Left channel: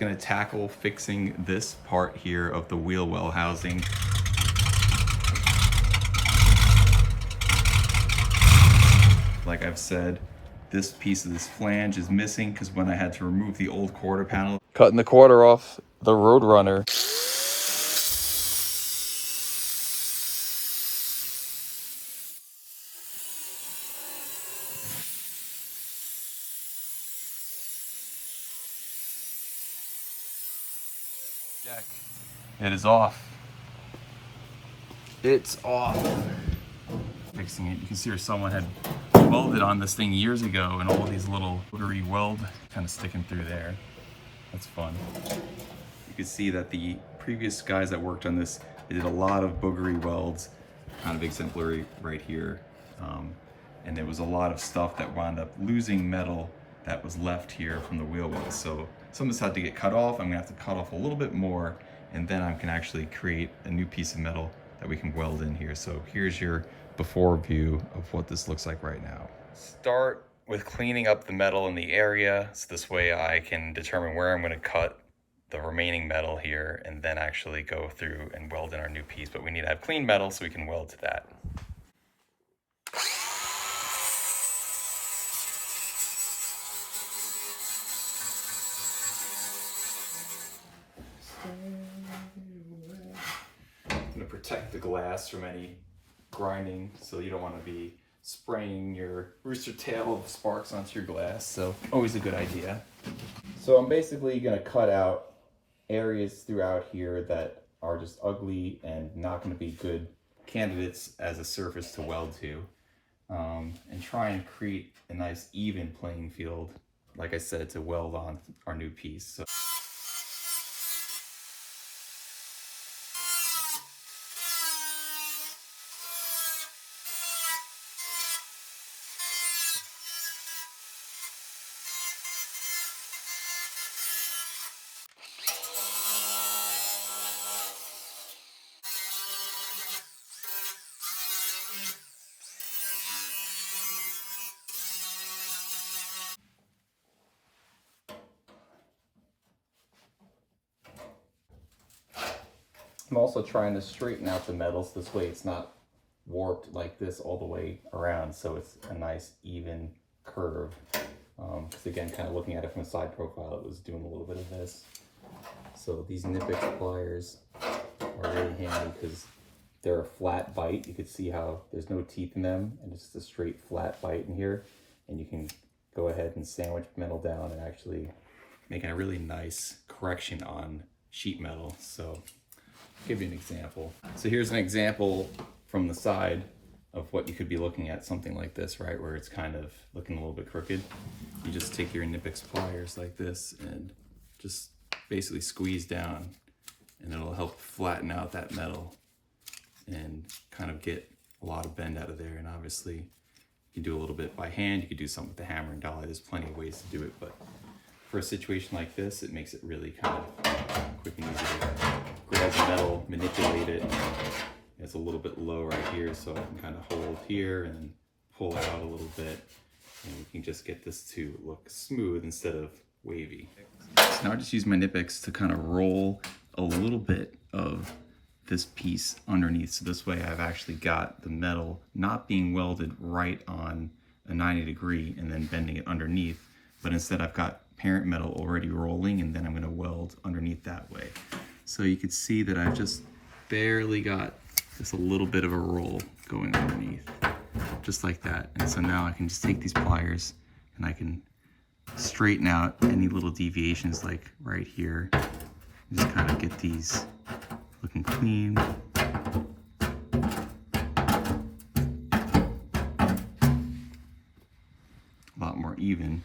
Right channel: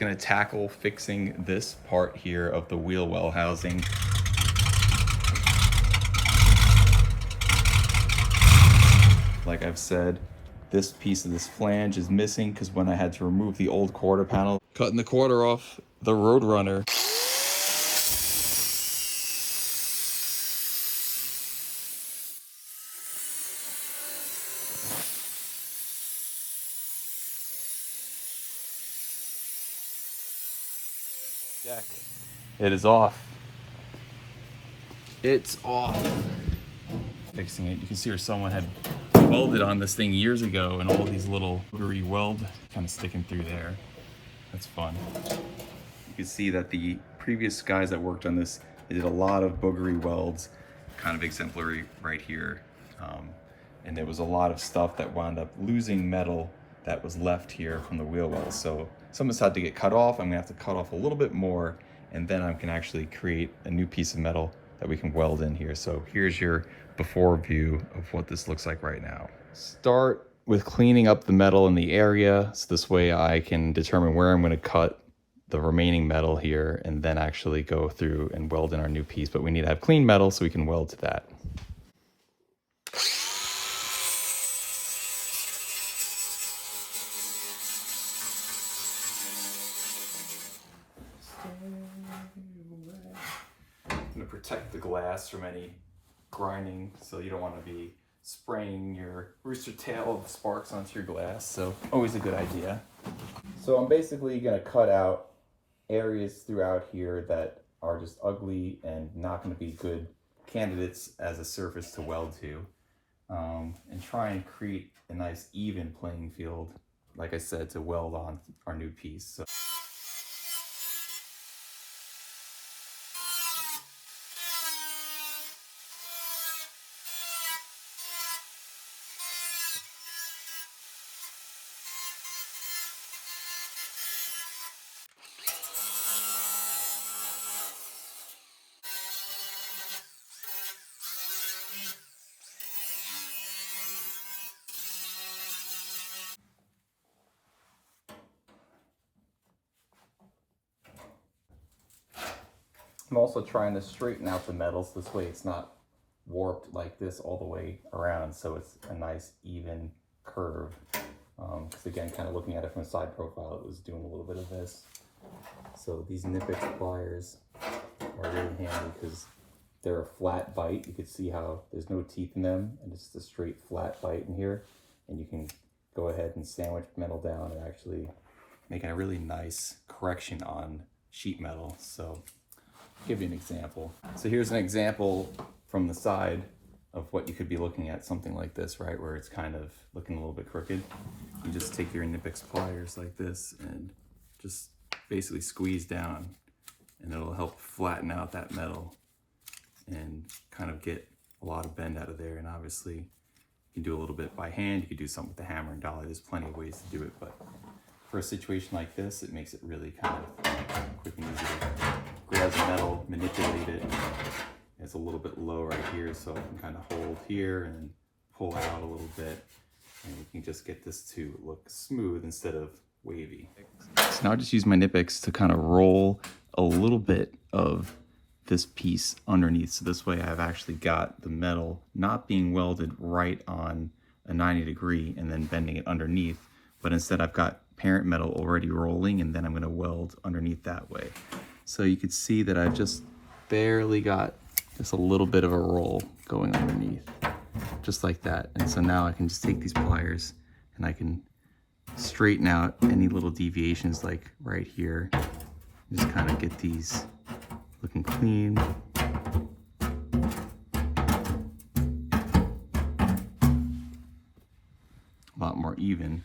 gonna tackle fixing this part here of the wheel well housing. Like I've said, this piece of this flange is missing because when I had to remove the old quarter panel, cutting the quarter off the Roadrunner, it is off. It's off. Fixing it, you can see where someone had welded on this thing years ago, and all these little boogery weld kind of sticking through there. That's fun. You can see that the previous guys that worked on this, they did a lot of boogery welds, kind of exemplary right here. And there was a lot of stuff that wound up losing metal that was left here from the wheel wells. So some of this had to get cut off. I'm gonna have to cut off a little bit more, and then I can actually create a new piece of metal that we can weld in here. So here's your before view of what this looks like right now. Start with cleaning up the metal in the area, so this way I can determine where I'm going to cut the remaining metal here and then actually go through and weld in our new piece. But we need to have clean metal so we can weld to that. I'm going to protect the glass from any grinding, so you don't want to be spraying your rooster tail of sparks onto your glass, so always a good idea. So I'm basically going to cut out areas throughout here that are just ugly and not going to be good candidates as a surface to weld to, and try and create a nice even playing field, like I said, to weld on our new piece. So I'm also trying to straighten out the metals this way it's not warped like this all the way around, so it's a nice even curve. Because again, kind of looking at it from a side profile, it was doing a little bit of this. So these Knipex pliers are really handy because they're a flat bite. You can see how there's no teeth in them, and it's just a straight flat bite in here. And you can go ahead and sandwich metal down and actually make a really nice correction on sheet metal. So I'll give you an example. So here's an example from the side of what you could be looking at, something like this, right, where it's kind of looking a little bit crooked. You just take your Knipex pliers like this and just basically squeeze down, and it'll help flatten out that metal and kind of get a lot of bend out of there. And obviously you can do a little bit by hand, you could do something with the hammer and dolly. There's plenty of ways to do it, but for a situation like this, it makes it really kind of quick and easy to grab the metal, manipulate it. It's a little bit low right here, so I can kind of hold here and pull it out a little bit, and we can just get this to look smooth instead of wavy. So now I just use my Knipex to kind of roll a little bit of this piece underneath, so this way I've actually got the metal not being welded right on a 90 degree and then bending it underneath, but instead I've got parent metal already rolling, and then I'm going to weld underneath that way. So you can see that I've just barely got just a little bit of a roll going underneath, just like that. And so now I can just take these pliers and I can straighten out any little deviations, like right here. Just kind of get these looking clean. A lot more even.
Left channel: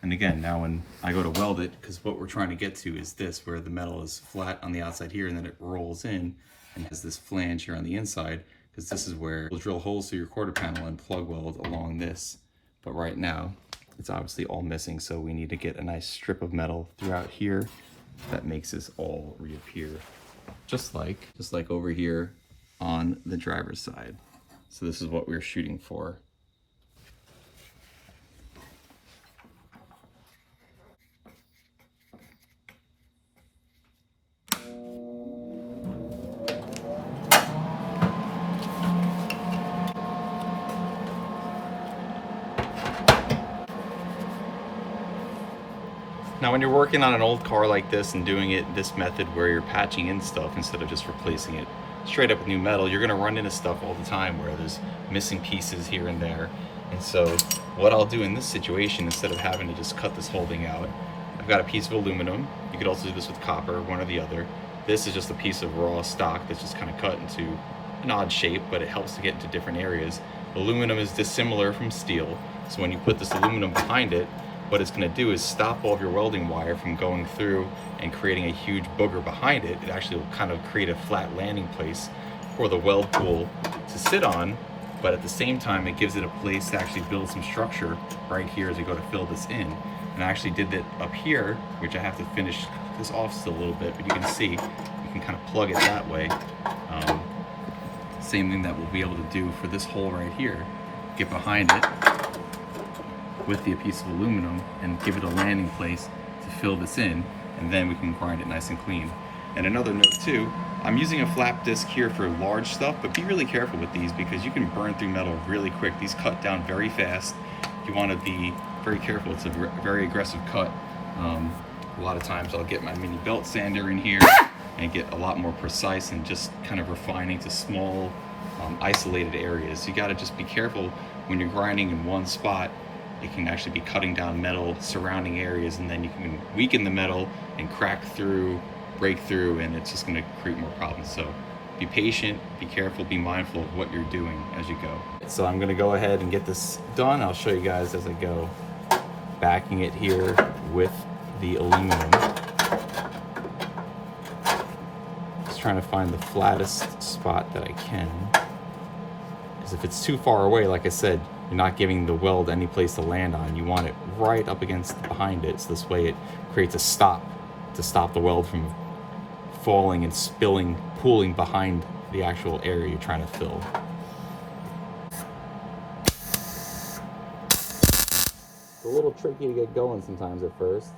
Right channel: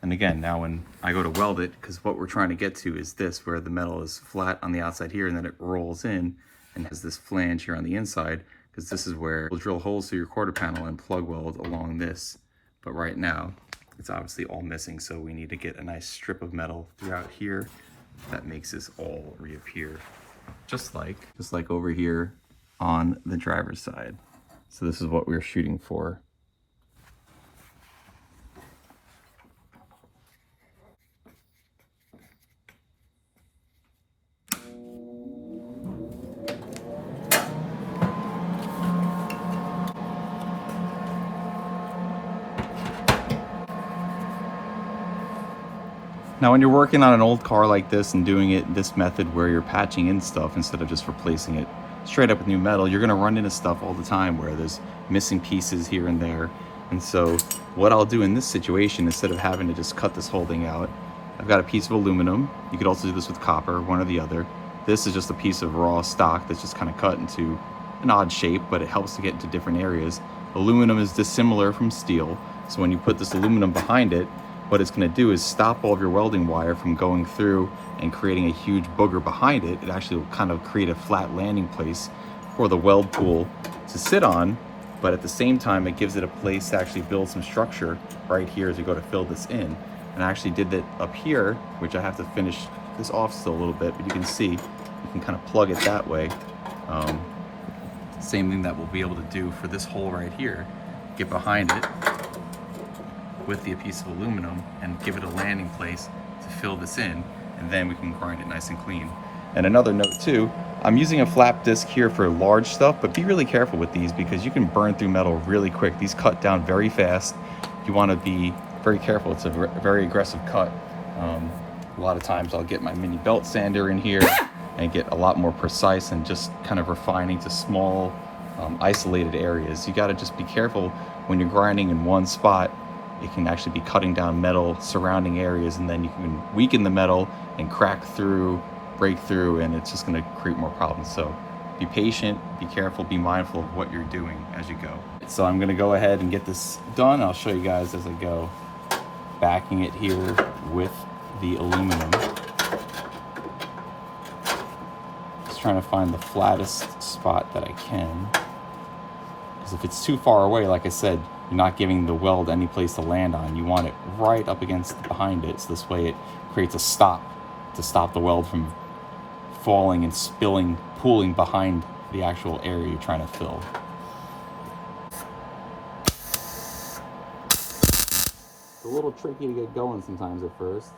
And again, now when I go to weld it, because what we're trying to get to is this, where the metal is flat on the outside here and then it rolls in and has this flange here on the inside, because this is where we'll drill holes through your quarter panel and plug weld along this. But right now, it's obviously all missing, so we need to get a nice strip of metal throughout here that makes this all reappear, just like over here on the driver's side. So this is what we're shooting for. Now when you're working on an old car like this and doing it this method where you're patching in stuff instead of just replacing it straight up with new metal, you're gonna run into stuff all the time where there's missing pieces here and there. And so what I'll do in this situation, instead of having to just cut this whole thing out, I've got a piece of aluminum. You could also do this with copper, one or the other. This is just a piece of raw stock that's just kind of cut into an odd shape, but it helps to get into different areas. Aluminum is dissimilar from steel, so when you put this aluminum behind it, what it's going to do is stop all of your welding wire from going through and creating a huge booger behind it. It actually will kind of create a flat landing place for the weld pool to sit on, but at the same time it gives it a place to actually build some structure right here as we go to fill this in. And I actually did that up here, which I have to finish this off still a little bit, but you can see you can kind of plug it that way. Same thing that we'll be able to do for this hole right here. Get behind it with the piece of aluminum and give it a landing place to fill this in, and then we can grind it nice and clean. And another note too, I'm using a flap disc here for large stuff, but be really careful with these because you can burn through metal really quick. These cut down very fast. You want to be very careful. It's a very aggressive cut. A lot of times I'll get my mini belt sander in here and get a lot more precise and just kind of refining to small isolated areas. You got to just be careful when you're grinding in one spot. It can actually be cutting down metal surrounding areas, and then you can weaken the metal and crack through, break through, and it's just going to create more problems. So be patient, be careful, be mindful of what you're doing as you go. So I'm going to go ahead and get this done. I'll show you guys as I go. Backing it here with the aluminum. Just trying to find the flattest spot that I can. Because if it's too far away, like I said, you're not giving the weld any place to land on. You want it right up against behind it, so this way it creates a stop to stop the weld from falling and spilling, pooling behind the actual area you're trying to fill. It's a little tricky to get going sometimes at first.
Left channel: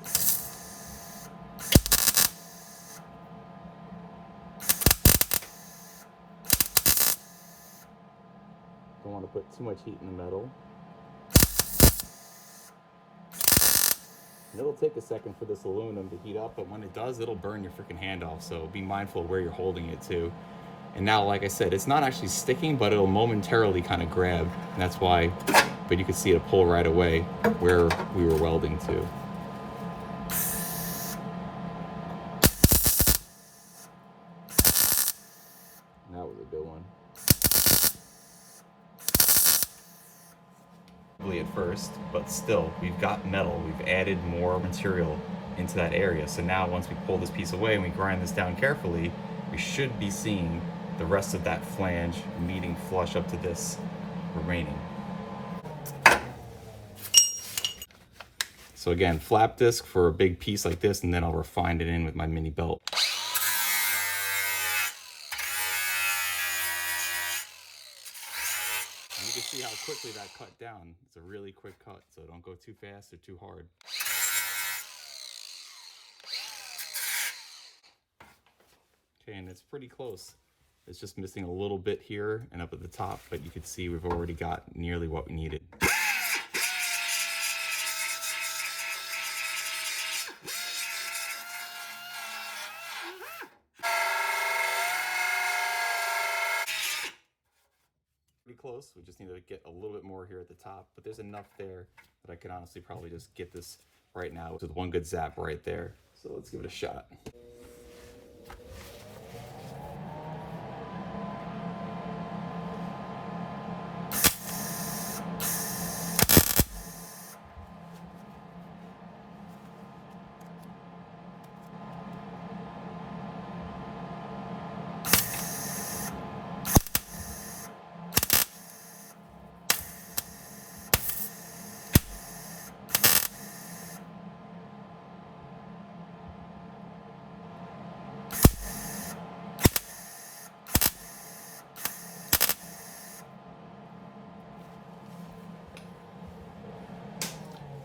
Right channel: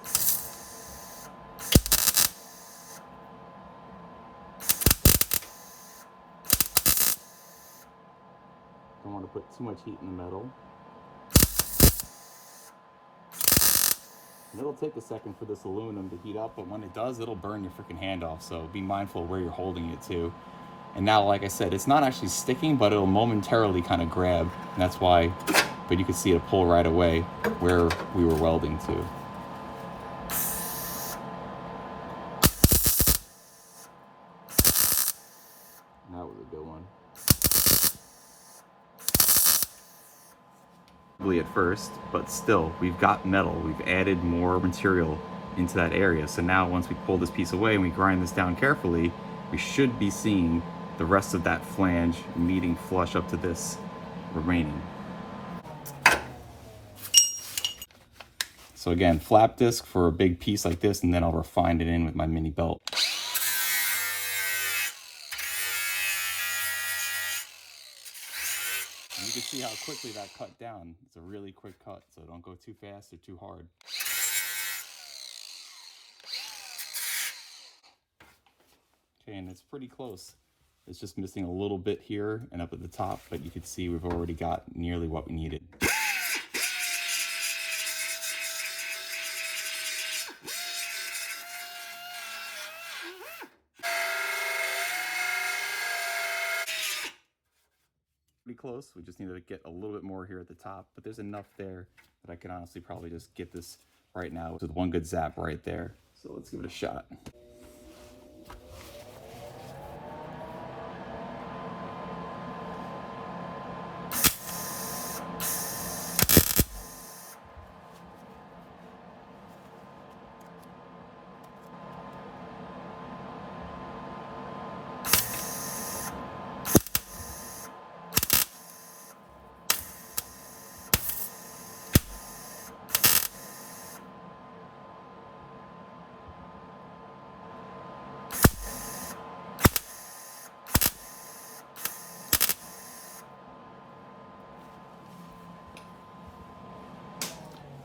Don't want to put too much heat in the metal. And it'll take a second for this aluminum to heat up, but when it does, it'll burn your freaking hand off. So be mindful of where you're holding it to. And now, like I said, it's not actually sticking, but it'll momentarily kind of grab. And that's why, but you can see it pull right away where we were welding to. And that was a good one. At first, but still, we've got metal. We've added more material into that area. So now once we pull this piece away and we grind this down carefully, we should be seeing the rest of that flange meeting flush up to this remaining. So again, flap disc for a big piece like this, and then I'll refine it in with my mini belt. And you can see how quickly that cut down. It's a really quick cut, so don't go too fast or too hard. Okay, and it's pretty close. It's just missing a little bit here and up at the top, but you can see we've already got nearly what we needed. Pretty close. We just need to get a little bit more here at the top, but there's enough there that I can honestly probably just get this right now with one good zap right there. So let's give it a shot.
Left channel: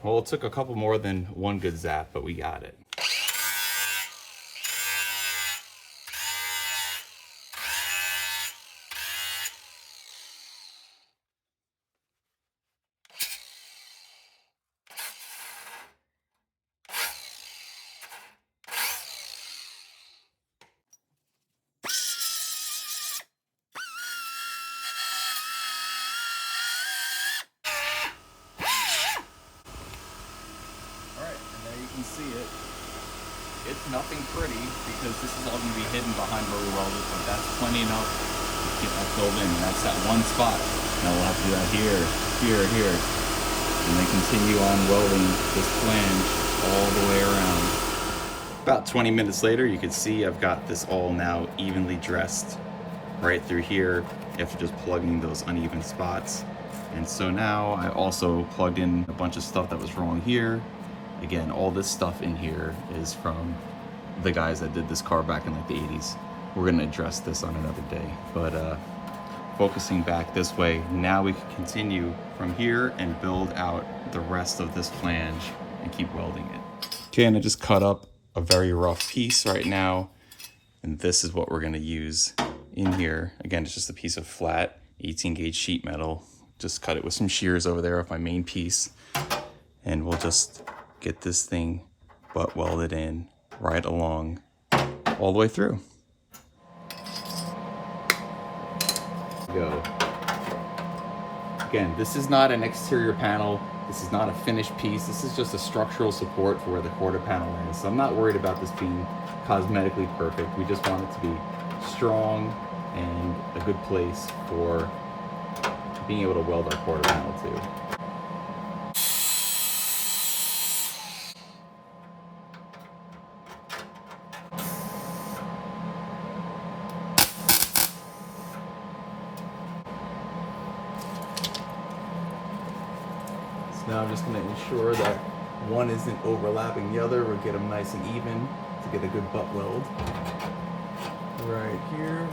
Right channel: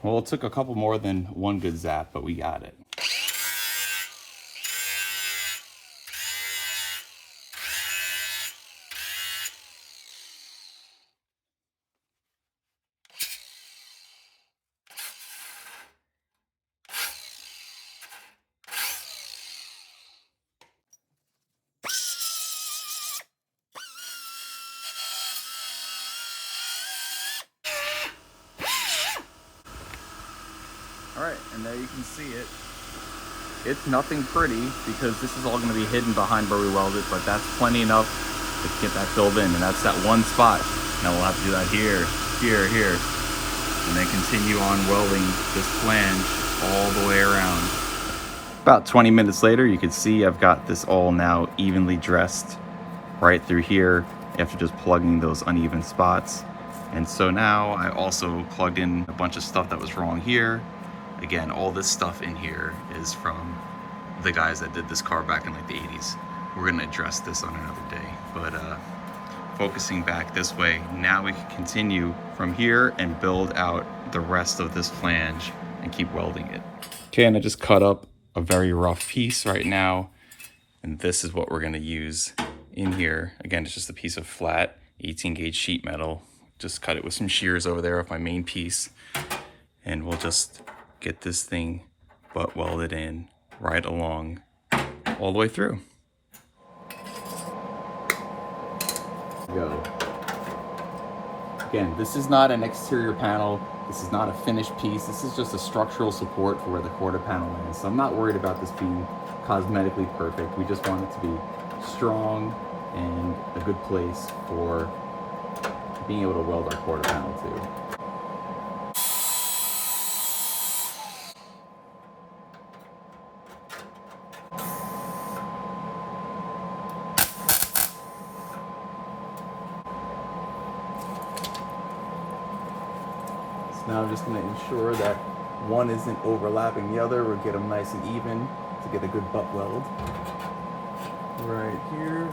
Well, it took a couple more than one good zap, but we got it. see it. It's nothing pretty because this is all going to be hidden behind where we welded, but that's plenty enough to get that filled in, and that's that one spot. Now we'll have to do that here, here, here, and then continue on welding this flange all the way around. About 20 minutes later, you can see I've got this all now evenly dressed right through here after just plugging those uneven spots. And so now I also plugged in a bunch of stuff that was wrong here. Again, all this stuff in here is from the guys that did this car back in like the 80s. We're gonna address this on another day, but focusing back this way, now we can continue from here and build out the rest of this flange and keep welding it. Okay, and I just cut up a very rough piece right now, and this is what we're gonna use in here. Again, it's just a piece of flat 18 gauge sheet metal. Just cut it with some shears over there off my main piece, and we'll just get this thing butt welded in right along all the way through. Go. Again, this is not an exterior panel. This is not a finished piece. This is just a structural support for where the quarter panel is. So I'm not worried about this being cosmetically perfect. We just want it to be strong and a good place for being able to weld our quarter panel to. Now I'm just going to ensure that one isn't overlapping the other. We'll get them nice and even to get a good butt weld. Right here.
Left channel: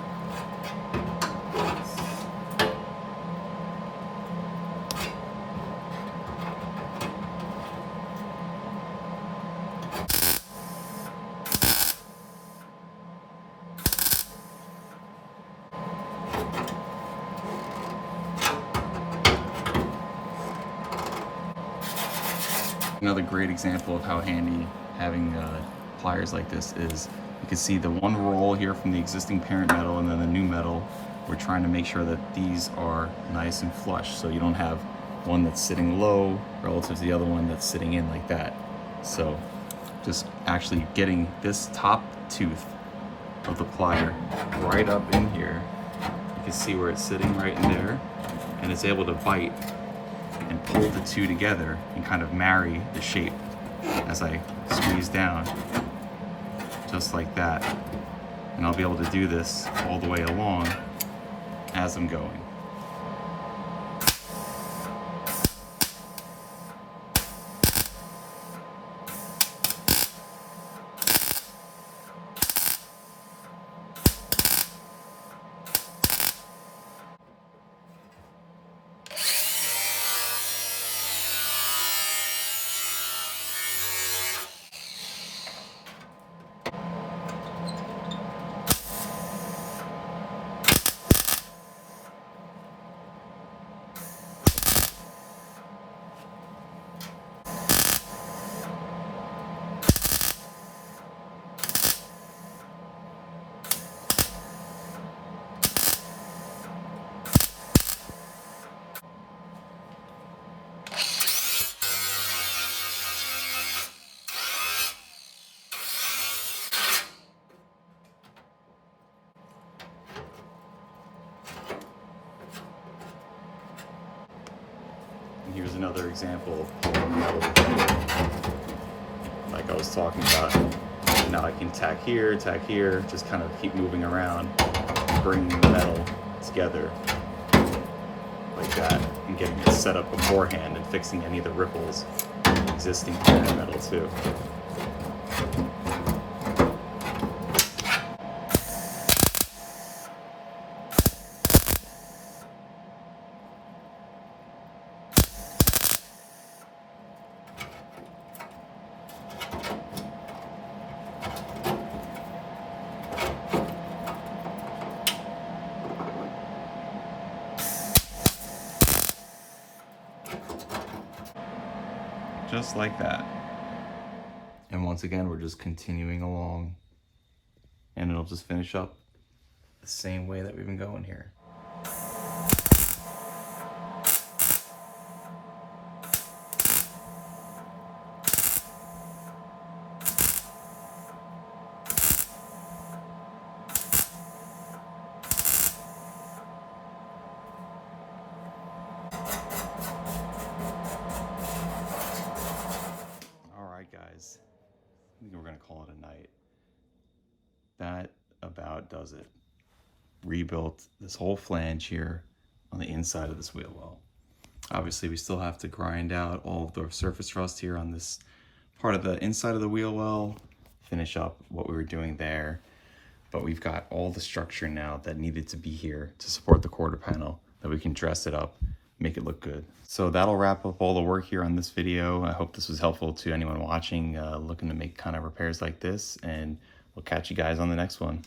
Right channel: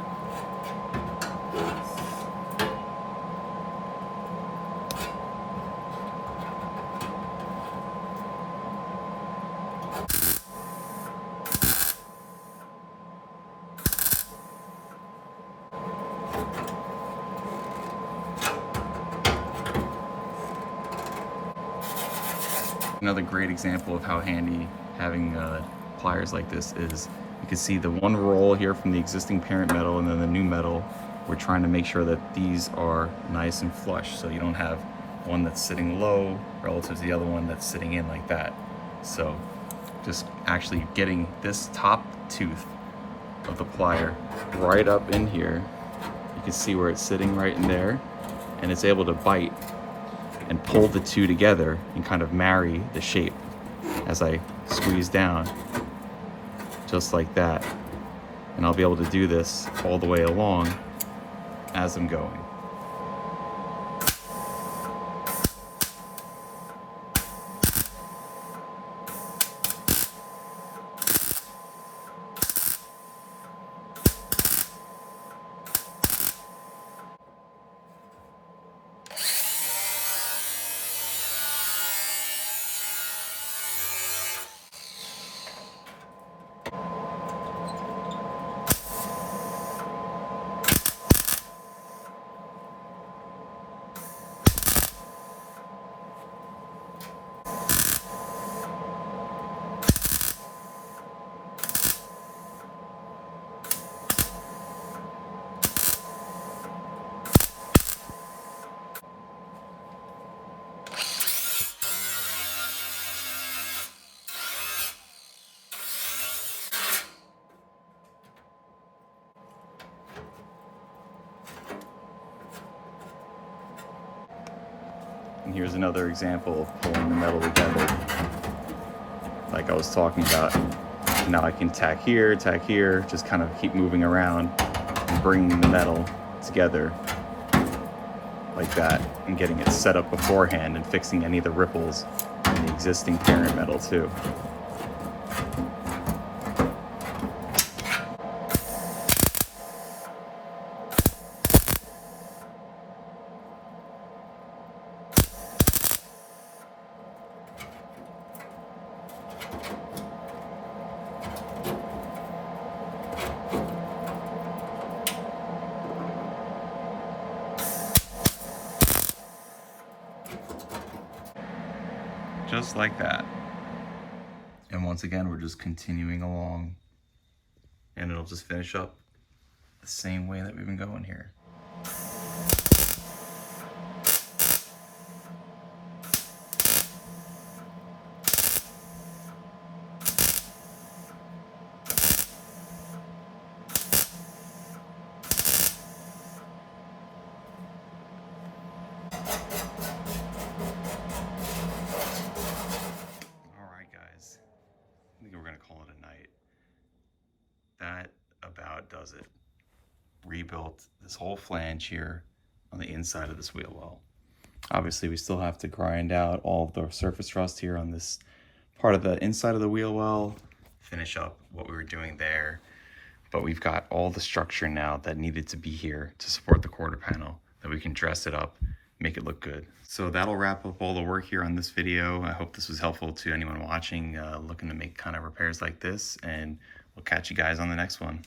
Another great example of how handy having pliers like this is. You can see the one roll here from the existing parent metal and then the new metal. We're trying to make sure that these are nice and flush, so you don't have one that's sitting low relative to the other one that's sitting in like that. So just actually getting this top tooth of the plier right up in here. You can see where it's sitting right in there, and it's able to bite and pull the two together and kind of marry the shape as I squeeze down, just like that. And I'll be able to do this all the way along as I'm going. And here's another example of metal, like I was talking about. Now I can tack here, just kind of keep moving around and bringing the metal together like that and getting it set up beforehand and fixing any of the ripples in the existing parent metal too. Just like that. And once again, we're just continuing along, and it'll just finish up the same way that we've been going here. All right, guys, I think we're gonna call it a night. That about does it. Rebuilt this whole flange here on the inside of this wheel well. Obviously, we still have to grind out all of the surface rust here on this part of the inside of the wheel well, finish up what we were doing there. But we've got all the structure now that needed to be here to support the quarter panel, that we can dress it up, make it look good. So that'll wrap up all the work here on this video. I hope this was helpful to anyone watching, looking to make kind of repairs like this, and we'll catch you guys on the next one.